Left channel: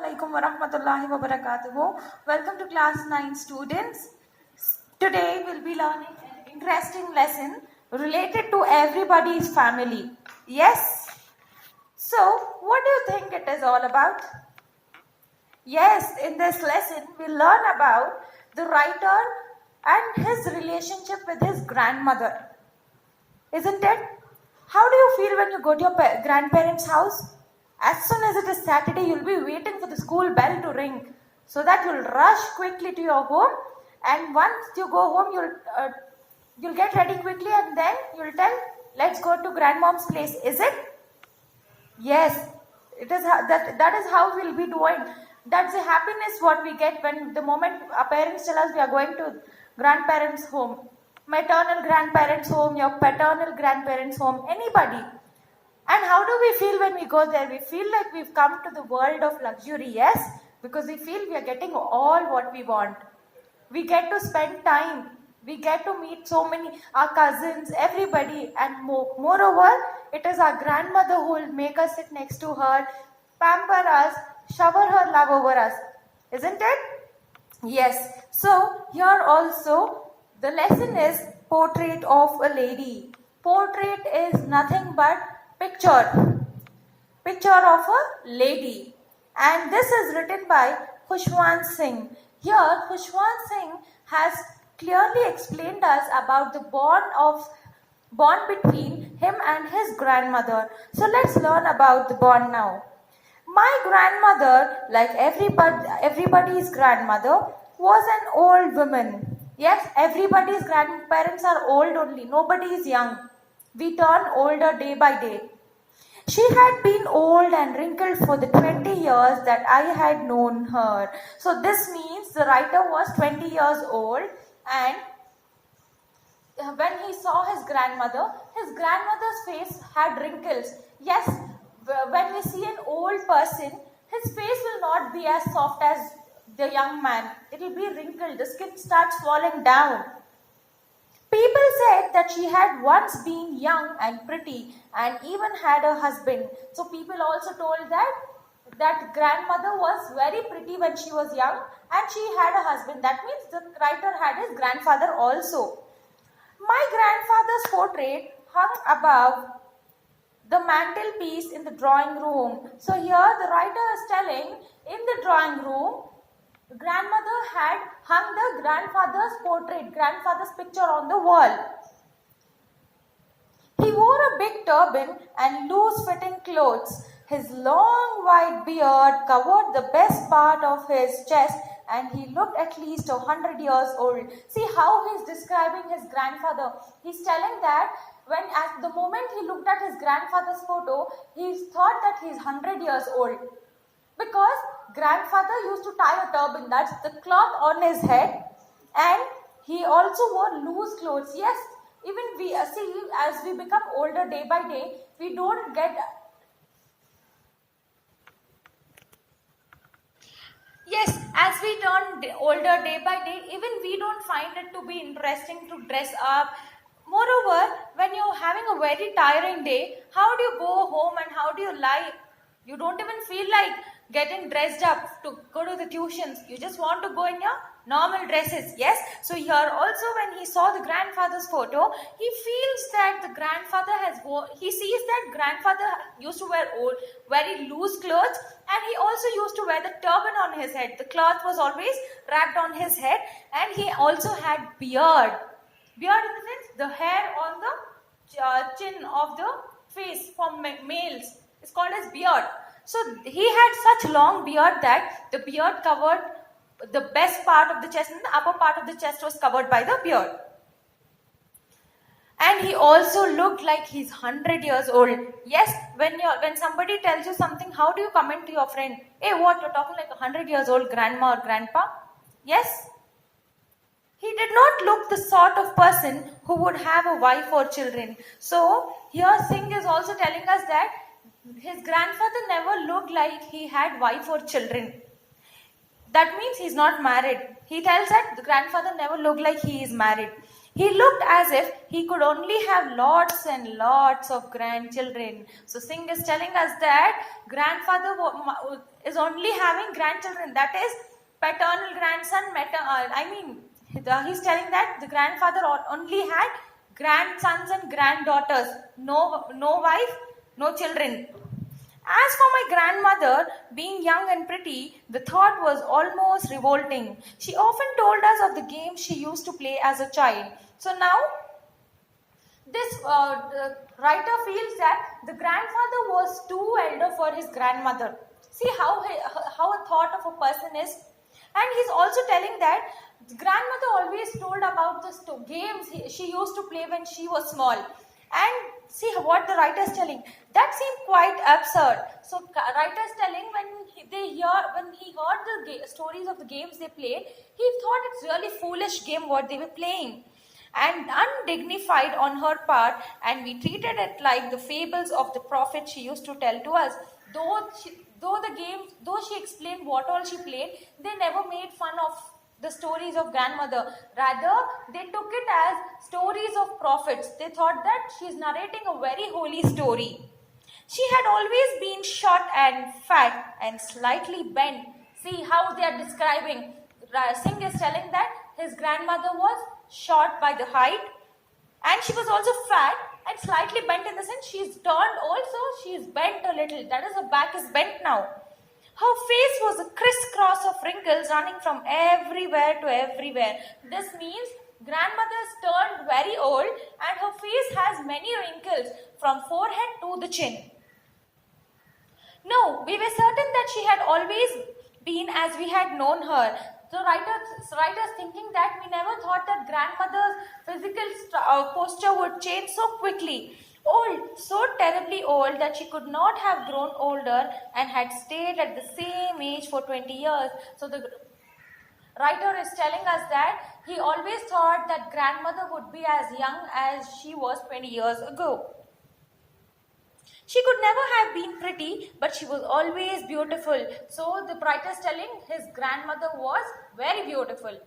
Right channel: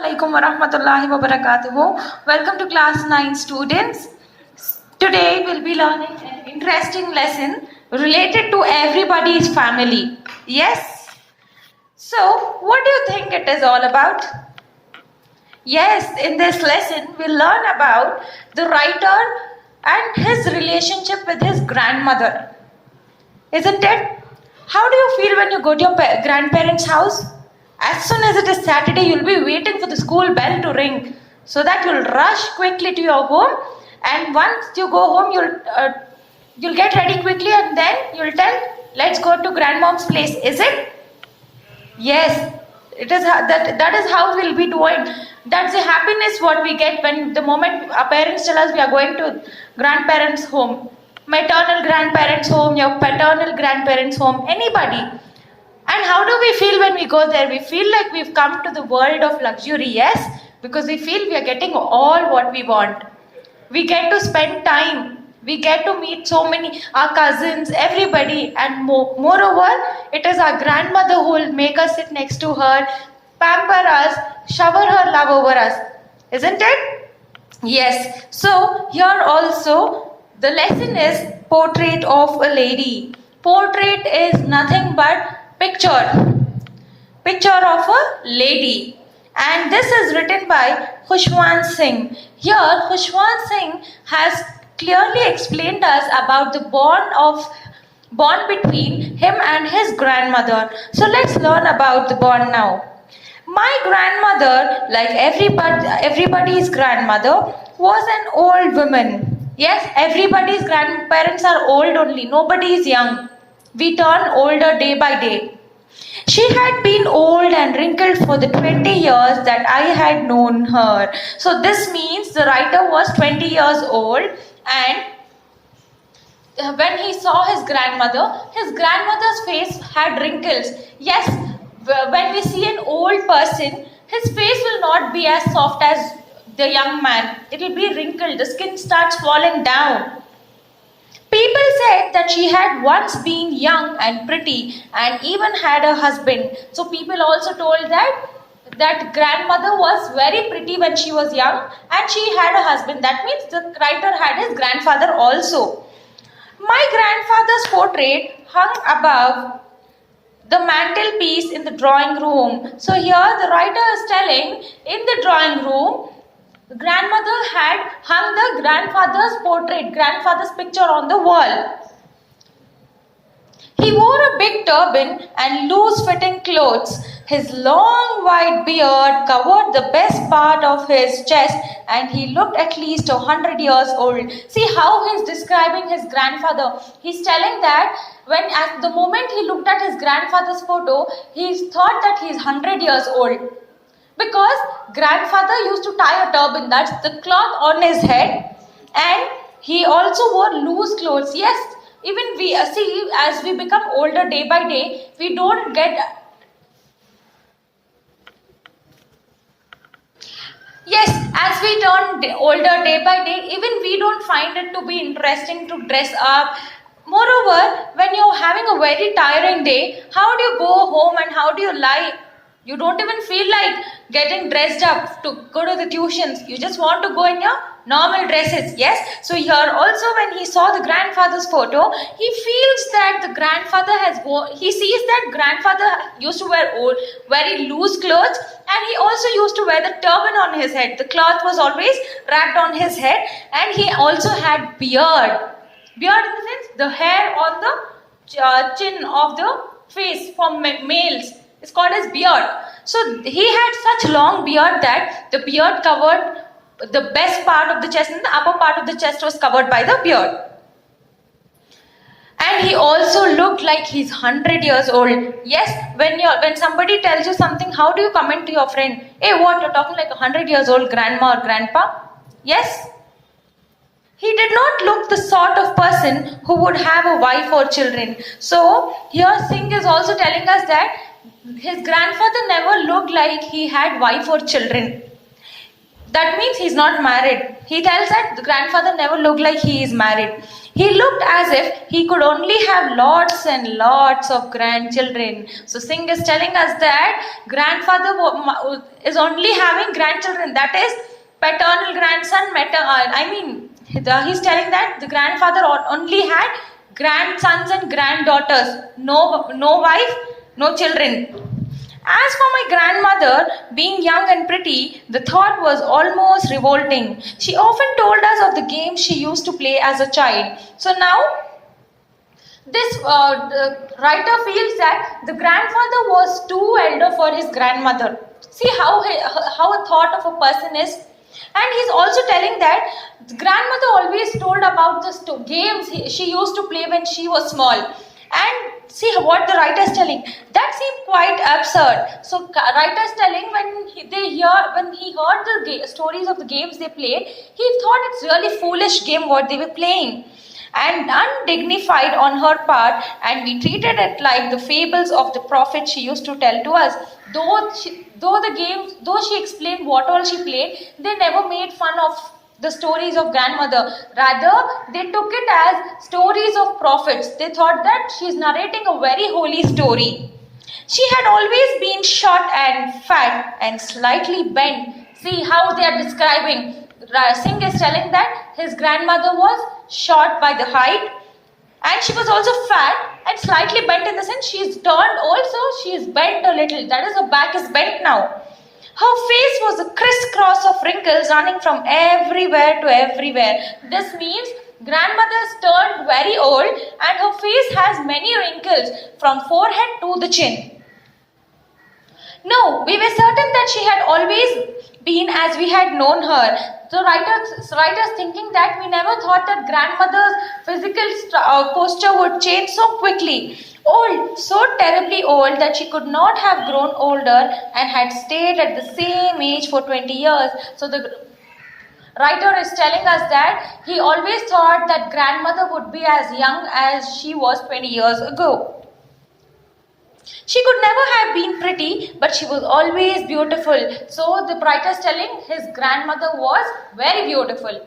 Assalamualaikum warahmatullahi wabarakatuh. Welcome to class 9 students. Today we'll be learning an interesting lesson related to everybody's family. Yes? So, what do you think it is all about? Yes, in this lesson we'll learn about the writer and his relationship with his grandmother. Isn't it? How do you feel when you go to your grandparents' house? As soon as it is Saturday, you'll be waiting for the school bell to ring, so that you'll rush quickly to your home. And once you go home, you'll get ready quickly, and then you'll tell, "Let's go to grandmom's place." Is it? Yes, it is. That is how we'll be doing. That's the happiness what we get when the moment our parents tell us we are going to grandparents' home, maternal grandparents' home, your paternal grandparents' home, anybody. And how do we feel when we go there? We feel like we've come to the world of luxury, yes? Because we feel we are getting all what we want. We get to spend time. We get to meet so many, our cousins, everybody. And moreover, it is our grandmother who will make us sit next to her, pamper us, shower her love over us. Isn't it? Yes. So here also, the lesson is portrait of a lady. Portrait is nothing but picture of a lady, and this is written by Khushwant Singh. Here Khushwant Singh has clearly explained us about the bond between him and his grandmother. So let's learn about the bond now. My grandmother, like everybody's grandmother, was an old woman. Yes, everybody's grandparents are old only, nobody is young. We turn older day by day. She had been old and wrinkled for the 20 years that I had known her. So this means the writer was 20 years old, and when he saw his grandmother's face had wrinkles. Yes, when we see an old person, his face will not be as soft as the young man. It will be wrinkled, the skin starts falling down. People said that she had once been young and pretty and even had a husband. So people also told that grandmother was very pretty when she was young and she had a husband. That means the writer had his grandfather also. My grandfather's portrait hung above the mantelpiece in the drawing room. So here the writer is telling, in the drawing room, the grandmother had hung the grandfather's picture on the wall. He wore a big turban and loose-fitting clothes. His long white beard covered the best part of his chest, and he looked at least 100 years old. See how he's describing his grandfather. He's telling that at the moment he looked at his grandfather's photo, he thought that he's 100 years old. Because grandfather used to tie a turban, that's the cloth on his head, and he also wore loose clothes. Yes, even we see as we become older day by day, we don't get. Yes, as we turn older day by day, even we don't find it to be interesting to dress up. Moreover, when you're having a very tiring day, how do you go home and how do you lie? You don't even feel like getting dressed up to go to the tuitions. You just want to go in your normal dresses. Yes. So here also when he saw the grandfather's photo, he feels that the grandfather he sees that grandfather used to wear very loose clothes, and he also used to wear the turban on his head. The cloth was always wrapped on his head, and he also had beard. Beard in the sense the hair on the chin of the face for males. It's called as beard. So he had such long beard that the beard covered the best part of the chest, and the upper part of the chest was covered by the beard. And he also looked like he's 100 years old. Yes, when somebody tells you something, how do you comment to your friend? Hey, what, you're talking like 100 years old grandma or grandpa? Yes. He did not look the sort of person who would have a wife or children. So here Singh is also telling us that his grandfather never looked like he had wife or children. That means he's not married. He tells that the grandfather never looked like he is married. He looked as if he could only have lots and lots of grandchildren. So Singh is telling us that grandfather is only having grandchildren. That is paternal grandson, he's telling that the grandfather only had grandsons and granddaughters. No wife, no children. As for my grandmother, being young and pretty, the thought was almost revolting. She often told us of the games she used to play as a child. So now, this writer feels that the grandfather was too elder for his grandmother. See how a thought of a person is. And he's also telling that the grandmother always told about the games she used to play when she was small. And see what the writer is telling. That seemed quite absurd. So writer is telling when he heard the stories of the games they played, he thought it's really foolish game what they were playing and undignified on her part, and we treated it like the fables of the prophet she used to tell to us. Though she explained what all she played, they never made fun of the stories of grandmother. Rather, they took it as stories of prophets. They thought that she is narrating a very holy story. She had always been short and fat and slightly bent. See how they are describing. Singh is telling that his grandmother was short by the height, and she was also fat and slightly bent in the sense she is turned also, she is bent a little. That is, her back is bent now. Her face was a crisscross of wrinkles running from everywhere to everywhere. This means grandmother's turned very old and her face has many wrinkles from forehead to the chin. No, we were certain that she had always been as we had known her. The writers thinking that we never thought that grandmother's physical posture would change so quickly. Old, so terribly old that she could not have grown older and had stayed at the same age for 20 years. So the writer is telling us that he always thought that grandmother would be as young as she was 20 years ago. She could never have been pretty, but she was always beautiful. So the writer is telling his grandmother was very beautiful.